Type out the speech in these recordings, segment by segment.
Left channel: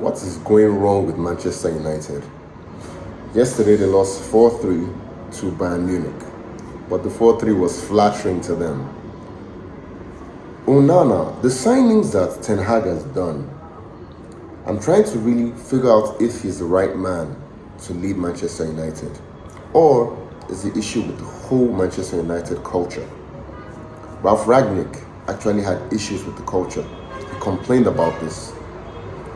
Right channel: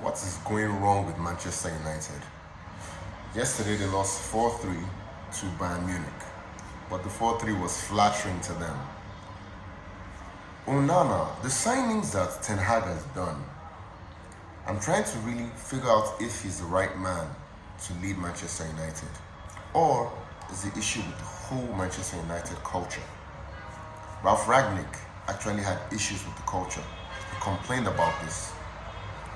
What is going wrong with Manchester United? Yesterday they lost 4-3 to Bayern Munich, but the 4-3 was flattering to them. Onana, the signings that Ten Hag has done, I'm trying to really figure out if he's the right man to lead Manchester United, or is the issue with the whole Manchester United culture. Ralph Rangnick actually had issues with the culture. He complained about this.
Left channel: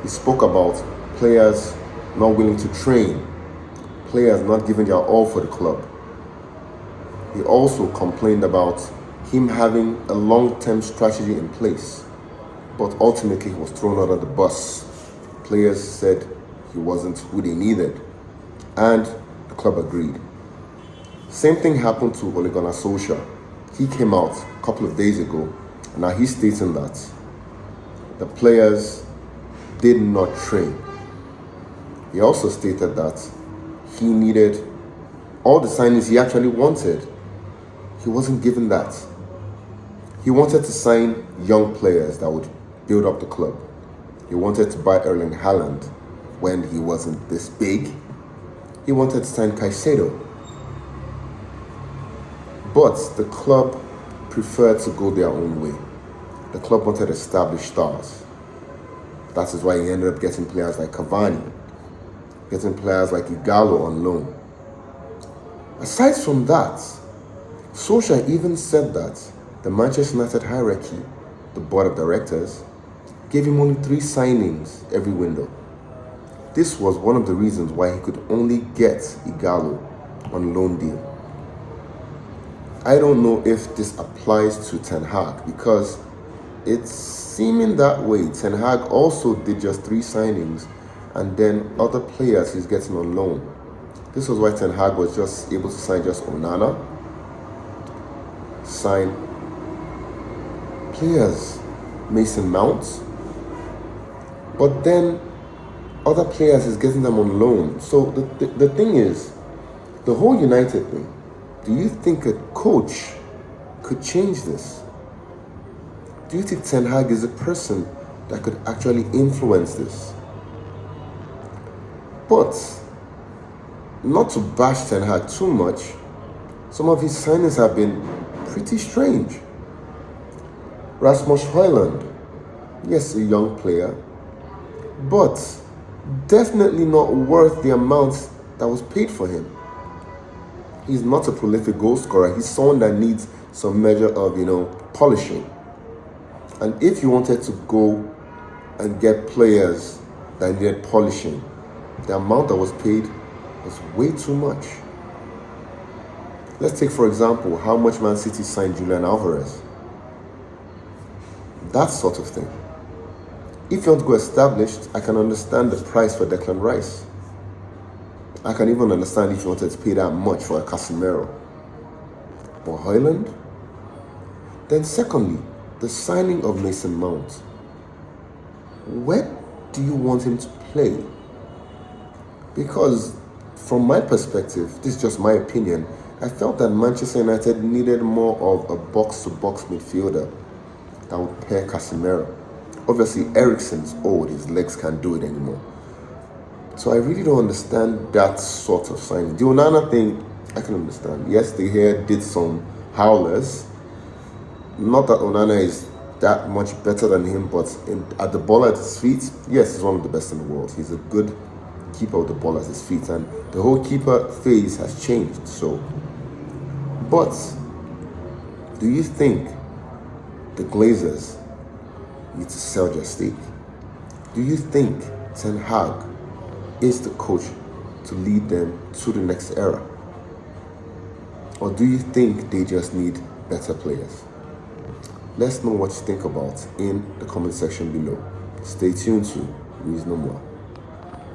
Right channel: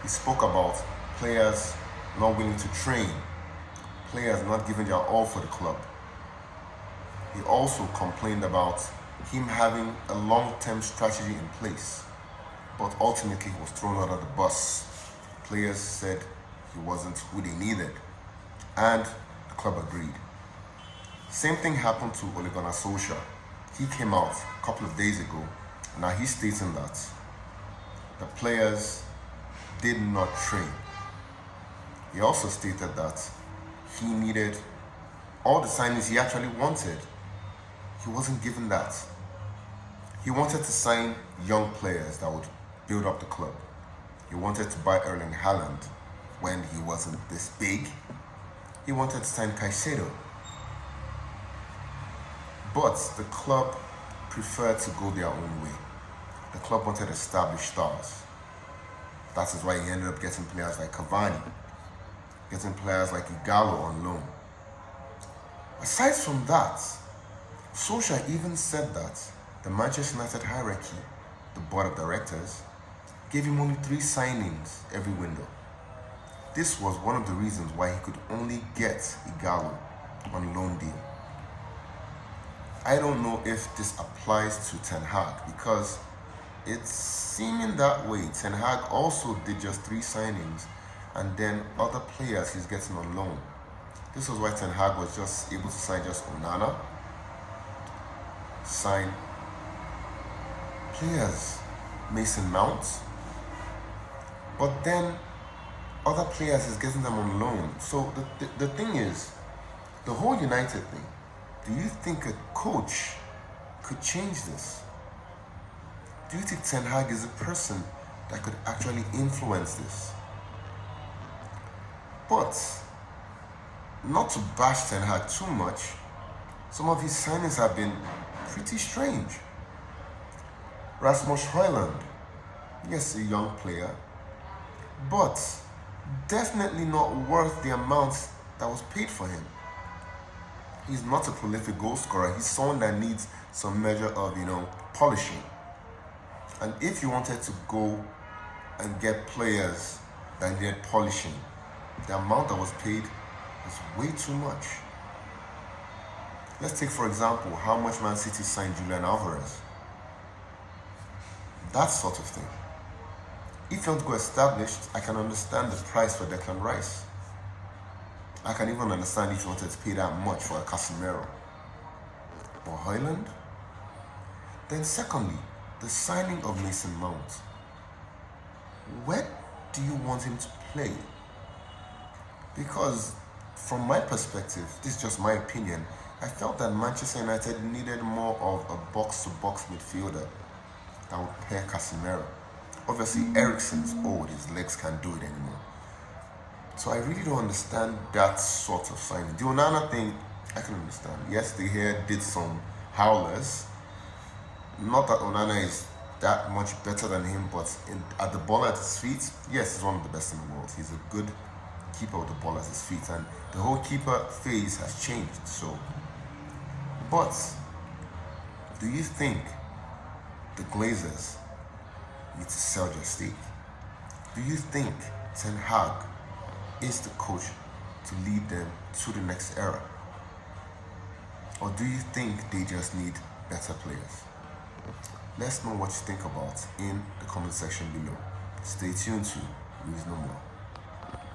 He spoke about players not willing to train, players not giving their all for the club. He also complained about him having a long-term strategy in place, but ultimately he was thrown out of the bus. Players said he wasn't who they needed, and the club agreed. Same thing happened to Ole Gunnar Solskjaer. He came out a couple of days ago, and now he's stating that the players did not train. He also stated that he needed all the signings he actually wanted. He wasn't given that. He wanted to sign young players that would build up the club. He wanted to buy Erling Haaland when he wasn't this big. He wanted to sign Caicedo. But the club preferred to go their own way. The club wanted established stars. That is why he ended up getting players like Cavani, getting players like Ighalo on loan. Aside from that, Solskjaer even said that the Manchester United hierarchy, the board of directors, gave him only 3 signings every window. This was one of the reasons why he could only get Ighalo on loan deal. I don't know if this applies to Ten Hag, because it's seeming that way. Ten Hag also did just 3 signings, and then other players he's getting on loan. This was why Ten Hag was just able to sign just Onana, sign players, Mason Mount, but then other players is getting them on loan. So the thing is, the whole United thing, do you think a coach could change this? Do you think Ten Hag is a person that could actually influence this? But, not to bash Ten Hag too much, some of his signings have been pretty strange. Rasmus Højlund, yes, a young player, but definitely not worth the amount that was paid for him. He's not a prolific goal scorer. He's someone that needs some measure of, polishing. And if you wanted to go and get players that needed polishing, the amount that was paid was way too much. Let's take, for example, how much Man City signed Julian Alvarez. That sort of thing. If you want to go established, I can understand the price for Declan Rice. I can even understand if you wanted to pay that much for a Casemiro. But Højlund? Then secondly, the signing of Mason Mount. Where do you want him to play? Because from my perspective, this is just my opinion, I felt that Manchester United needed more of a box-to-box midfielder that would pair Casemiro. Obviously, Eriksen's old, his legs can't do it anymore. So I really don't understand that sort of signing. The Onana thing, I can understand. Yes, they here did some howlers. Not that Onana is that much better than him, but at the ball at his feet, yes, he's one of the best in the world. He's a good keeper with the ball at his feet, and the whole keeper phase has changed. So, but do you think the Glazers need to sell their stake? Do you think Ten Hag is the coach to lead them to the next era? Or do you think they just need better players? Let's know what you think about in the comment section below. Stay tuned to News No More.